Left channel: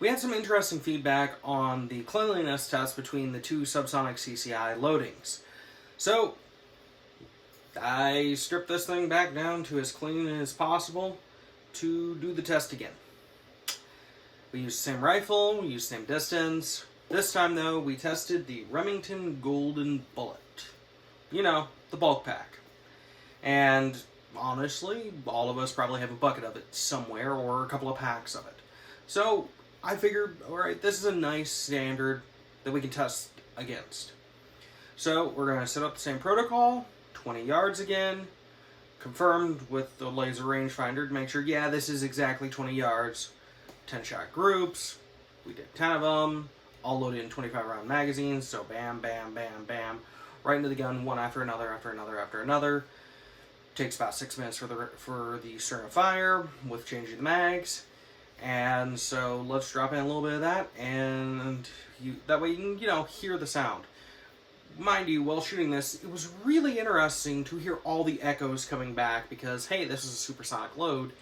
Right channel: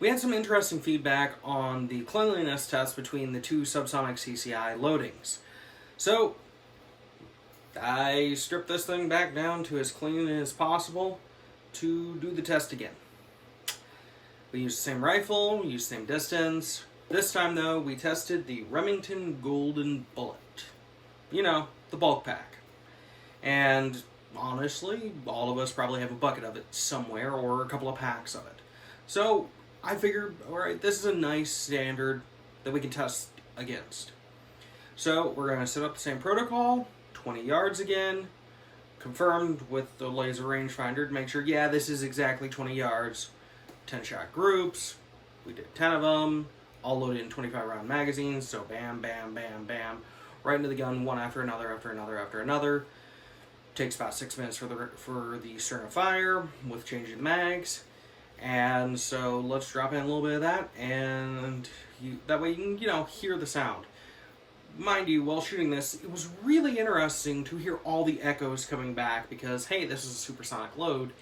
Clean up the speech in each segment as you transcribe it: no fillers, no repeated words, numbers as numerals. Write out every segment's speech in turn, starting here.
We had some interesting feedback on the cleanliness test between the two subsonic CCI loadings. So, I stripped this thing back down to as clean as possible to do the test again. We used the same rifle, we used the same distance. This time, though, we tested the Remington Golden Bullet. You know, the bulk pack. And honestly, all of us probably have a bucket of it somewhere or a couple of packs of it. So I figured, alright, this is a nice standard that we can test against. So we're going to set up the same protocol, 20 yards again, confirmed with the laser rangefinder to make sure, yeah, this is exactly 20 yards, 10-shot groups, we did 10 of them, all loaded in 25-round magazines, so bam, bam, bam, bam, right into the gun, one after another, after another, after another. Takes about 6 minutes for the string of fire with changing the mags. And so let's drop in a little bit of that, and that way you can, hear the sound. Mind you, while shooting this, it was really interesting to hear all the echoes coming back because, hey, this is a supersonic load,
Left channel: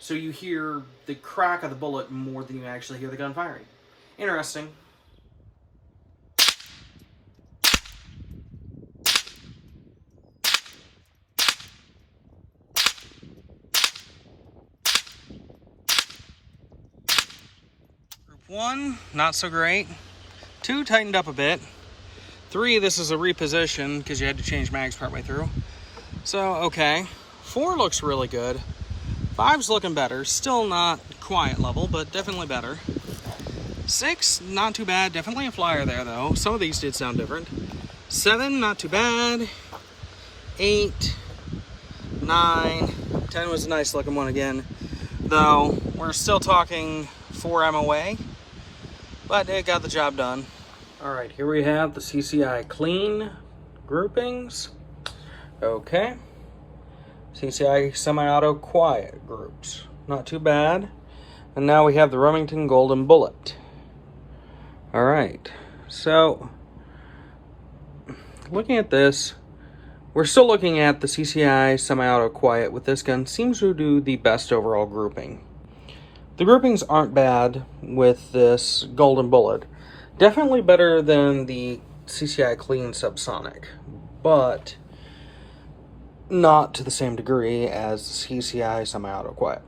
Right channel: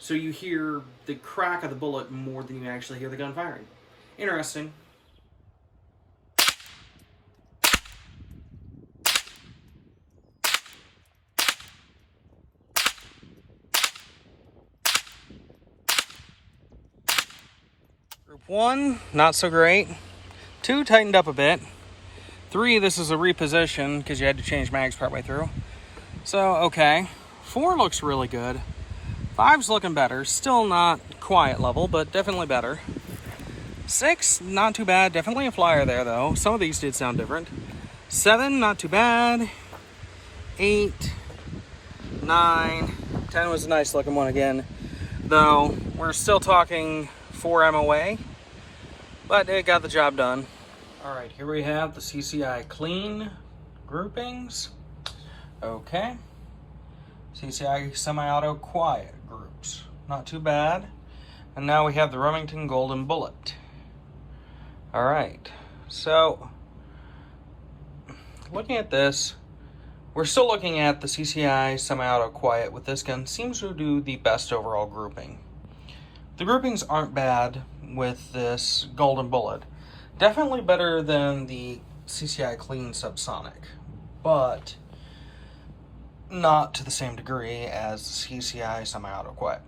so you hear the crack of the bullet more than you actually hear the gun firing. Interesting. Group 1, not so great. 2, tightened up a bit. 3, this is a reposition because you had to change mags partway through. So, okay. 4 looks really good. 5's looking better. Still not quiet level, but definitely better. 6, not too bad. Definitely a flyer there, though. Some of these did sound different. 7, not too bad. 8, 9, 10 was a nice looking one again. Though, we're still talking 4 MOA, but it got the job done. Alright, here we have the CCI clean groupings. Okay. CCI semi-auto quiet groups. Not too bad. And now we have the Remington Golden Bullet. Alright, so looking at this, we're still looking at the CCI semi-auto quiet with this gun. Seems to do the best overall grouping. The groupings aren't bad with this Golden Bullet. Definitely better than the CCI Clean Subsonic, but not to the same degree as the CCI Semi-Auto Quiet.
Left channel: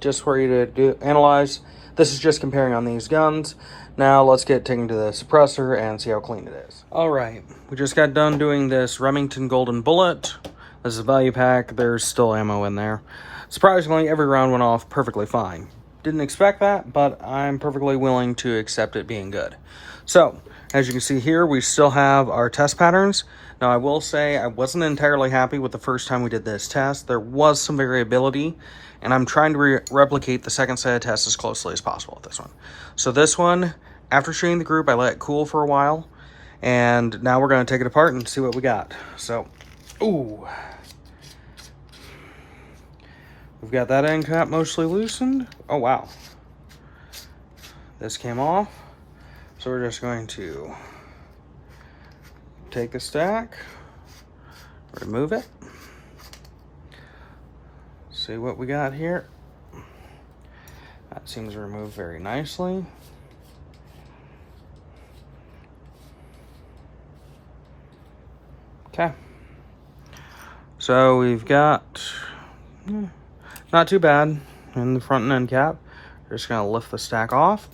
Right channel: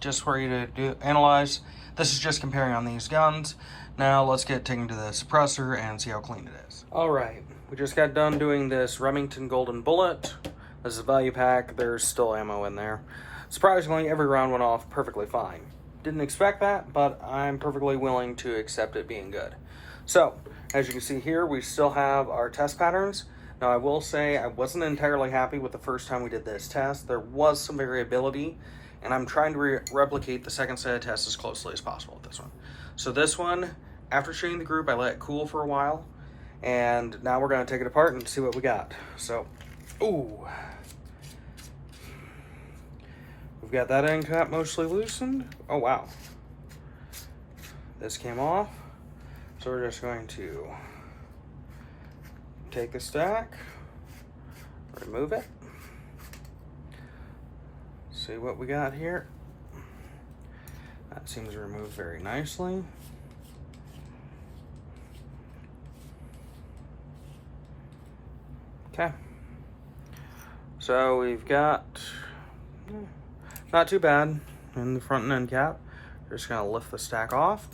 Just for you to analyze, this is just comparing on these guns. Now let's get taken to the suppressor and see how clean it is. Alright, we just got done doing this Remington Golden Bullet. This is a value pack, there's still ammo in there. Surprisingly, every round went off perfectly fine. Didn't expect that, but I'm perfectly willing to accept it being good. So, as you can see here, we still have our test patterns. Now, I will say I wasn't entirely happy with the first time we did this test. There was some variability, and I'm trying to replicate the second set of tests as closely as possible with this one. So this one, after shooting the group, I let it cool for a while, and now we're going to take it apart and see what we got. So, ooh. We've got that end cap mostly loosened. Oh, wow. This came off. So we're just going to take the stack, remove it, see what we got here. That seems to remove very nicely. Okay. So we've got, not too bad in the front and end cap. We're just gonna lift the stack off.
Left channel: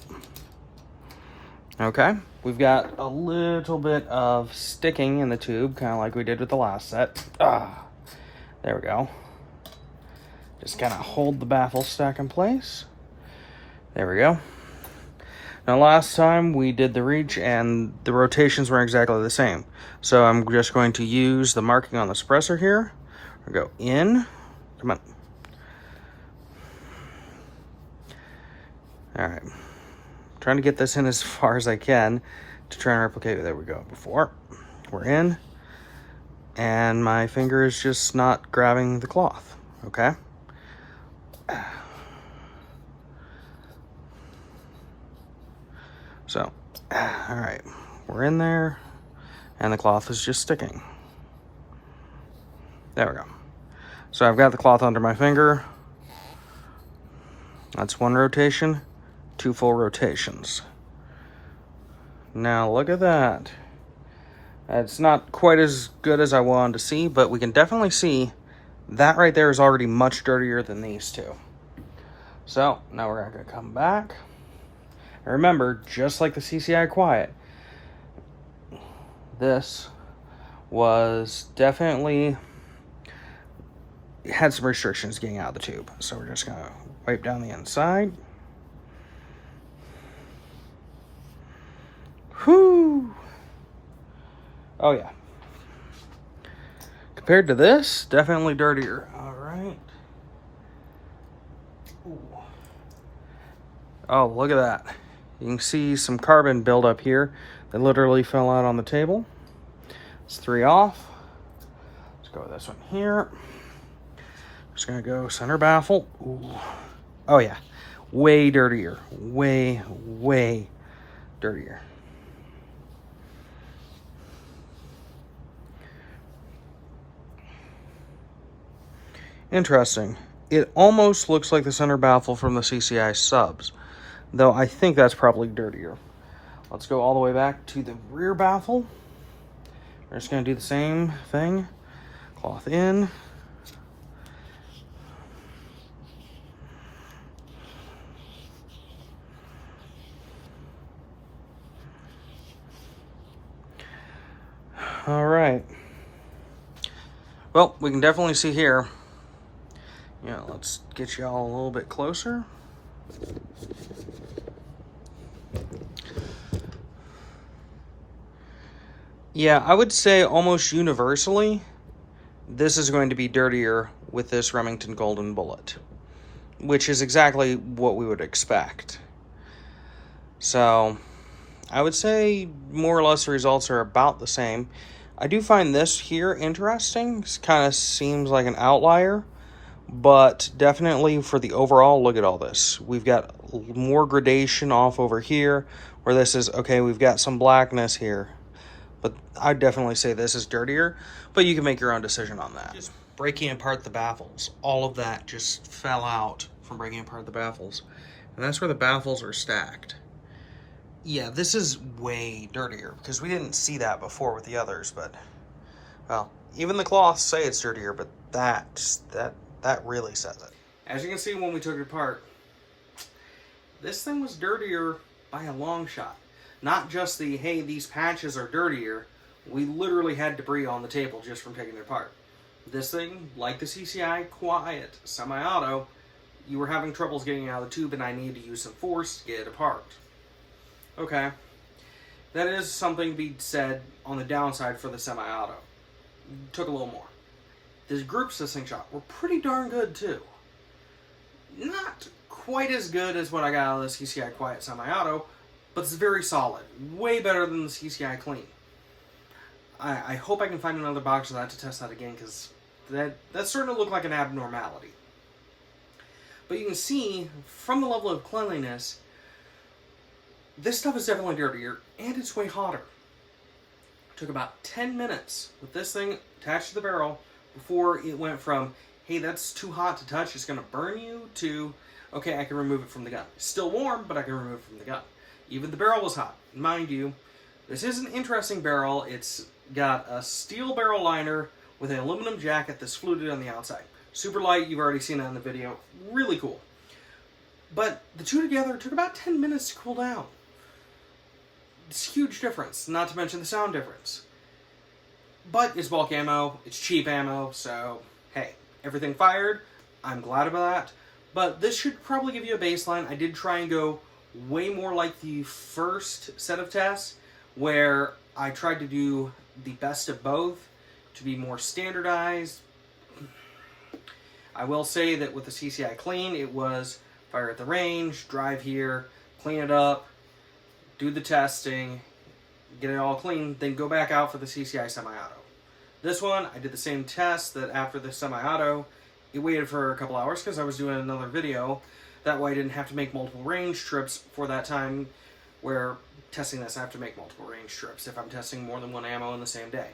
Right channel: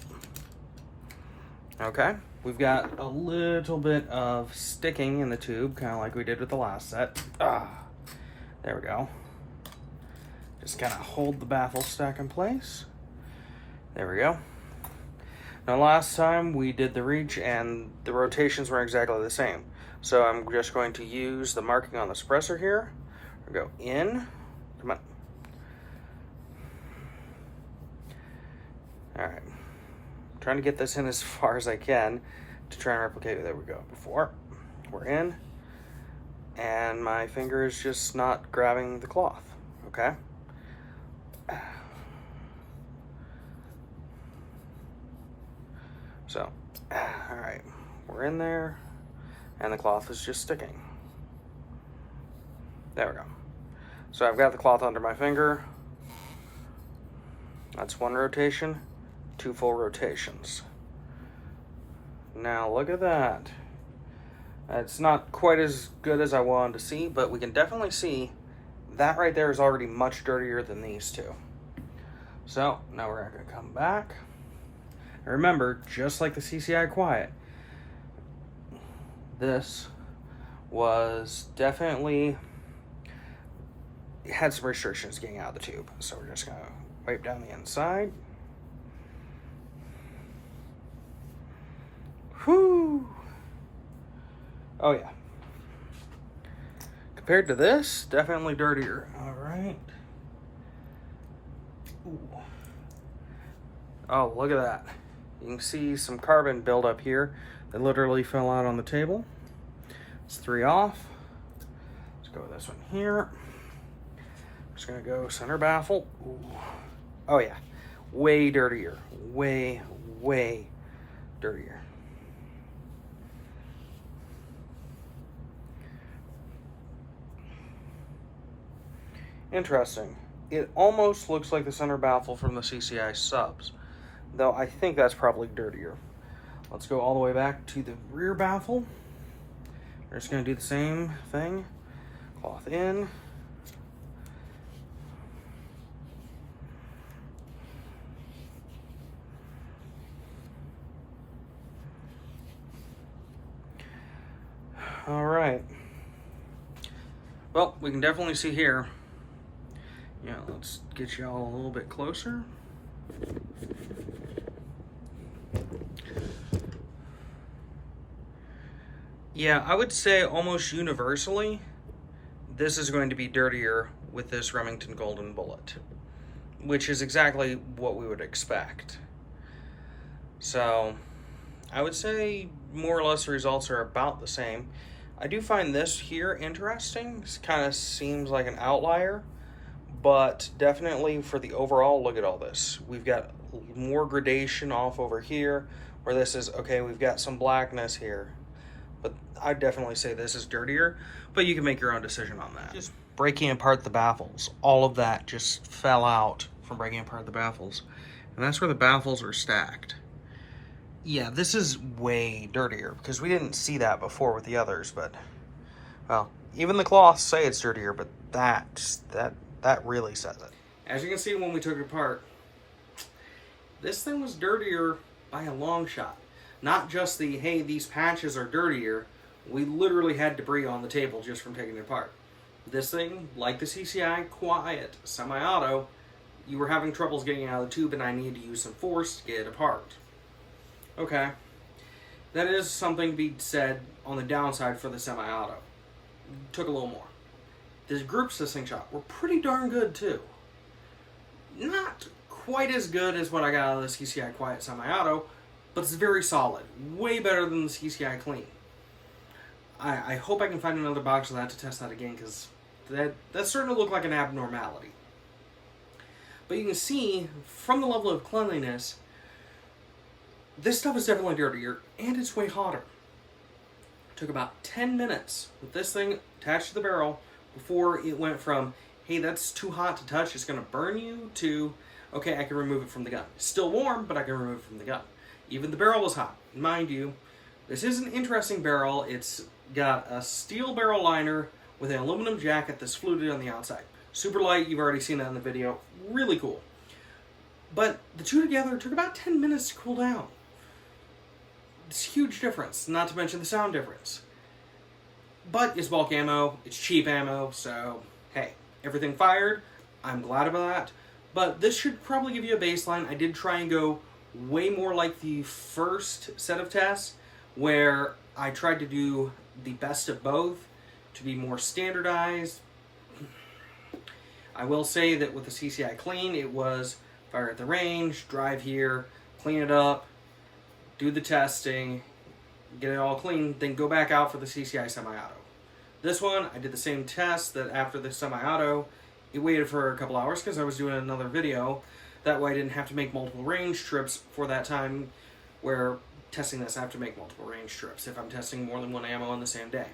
Okay, we've got a little bit of sticking in the tube, kind of like we did with the last set. There we go. Just kind of hold the baffle stack in place. There we go. Now last time we did the reach and the rotations were exactly the same. So I'm just going to use the marking on the suppressor here. I'll go in, come on. All right. Trying to get this in as far as I can to try and replicate it. There we go. Before we're in, and my finger is just not grabbing the cloth. Okay. So, all right, we're in there, and the cloth is just sticking. There we go. So I've got the cloth under my finger. That's one rotation. 2 full rotations. Now look at that. It's not quite as good as I wanted to see, but we can definitely see that right there is already much dirtier than these two. So now we're going to come back. And remember, just like the CCI Quiet, this was definitely, it had some restrictions getting out of the tube. So we're just going to wipe down the inside. Whew. Oh yeah. Compared to this, definitely dirtier. All right. Ooh. Oh, look at that. You can see some carbon buildup here that literally fell out on the table. It's 3 off. Let's go with this one here. Just gonna go center baffle. Ooh. Oh yeah, way dirtier. Way dirtier. Interesting. It almost looks like the center baffle from the CCI subs, though I think that's probably dirtier. Let's go all the way back to the rear baffle. We're just going to do the same thing. Cloth in. All right. Well, we can definitely see here. Yeah, let's get y'all a little bit closer. Yeah, I would say almost universally, this is going to be dirtier with this Remington Golden Bullet, which is exactly what we would expect. So, I would say more or less the results are about the same. I do find this here interesting. It kind of seems like an outlier, but definitely for the overall, look at all this. We've got more gradation off over here, where this is, okay, we've got some blackness here. But I'd definitely say this is dirtier, but you can make your own decision on that. Just breaking apart the baffles. All of that just fell out from breaking apart the baffles. And that's where the baffles are stacked. Yeah, this is way dirtier, because we didn't see that before with the others, but, well, even the cloths say it's dirtier, but that really says it. As you can see when we took it apart, this thing was dirtier by a long shot. Not just the, hey, these patches are dirtier. We literally had debris on the table just from taking it apart. This thing, like the CCI Quiet semi-auto, you were having troubles getting it out of the tube and I needed to use some force to get it apart. Okay. That is something to be said on the downside for the semi-auto. Took a little more. The group assisting shot were pretty darn good too. Not quite as good as what I got out of the CCI Quiet semi-auto, but it's very solid. Way better than the CCI Clean. I hope I can find another box of that to test that again, because that's starting to look like an abnormality. But you can see, from the level of cleanliness, this stuff is definitely dirtier, and it's way hotter. It took about 10 minutes with this thing attached to the barrel before it went from, hey, that's too hot to touch, it's going to burn you, to, okay, I can remove it from the gun. It's still warm, but I can remove it from the gun. Even the barrel was hot. Mind you, this is an interesting barrel. It's got a steel barrel liner with an aluminum jacket that's fluted on the outside. Super light, you've already seen that in the video. Really cool. But the two together took about 10 minutes to cool down. It's a huge difference, not to mention the sound difference. But it's bulk ammo, it's cheap ammo, so hey, everything fired. I'm glad about that. But this should probably give you a baseline. I did try and go way more like the first set of tests, where I tried to do the best of both to be more standardized. I will say that with the CCI Clean, it was fire at the range, drive here, clean it up, do the testing, get it all clean, then go back out for the CCI semi-auto. This one, I did the same test that after the semi-auto, it waited for a couple hours because I was doing another video. That way I didn't have to make multiple range trips for that time, where testing this I have to make multiple range trips if I'm testing more than one ammo in the same day.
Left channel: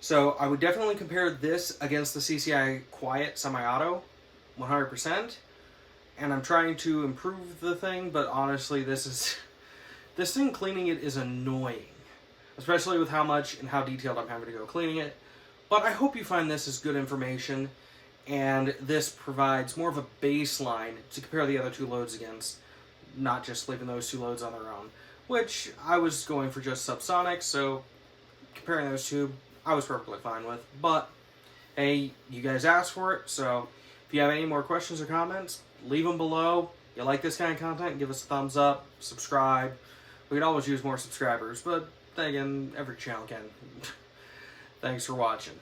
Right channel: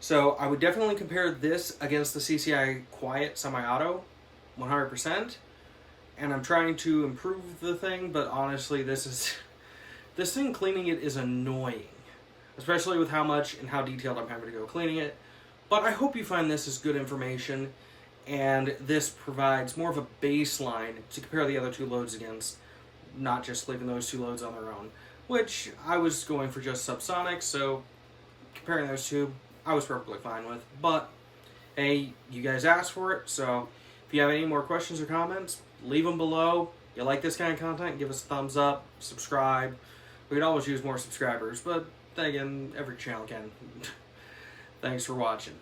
So I would definitely compare this against the CCI Quiet semi-auto, 100%. and I'm trying to improve the thing, but honestly, this thing cleaning it is annoying. Especially with how much and how detailed I'm having to go cleaning it. But I hope you find this as good information, and this provides more of a baseline to compare the other two loads against, not just leaving those two loads on their own. Which, I was going for just subsonic, so comparing those two, I was perfectly fine with. But, hey, you guys asked for it, so if you have any more questions or comments, leave them below. If you like this kind of content, give us a thumbs up, subscribe. We could always use more subscribers, but then again, every channel can. Thanks for watching.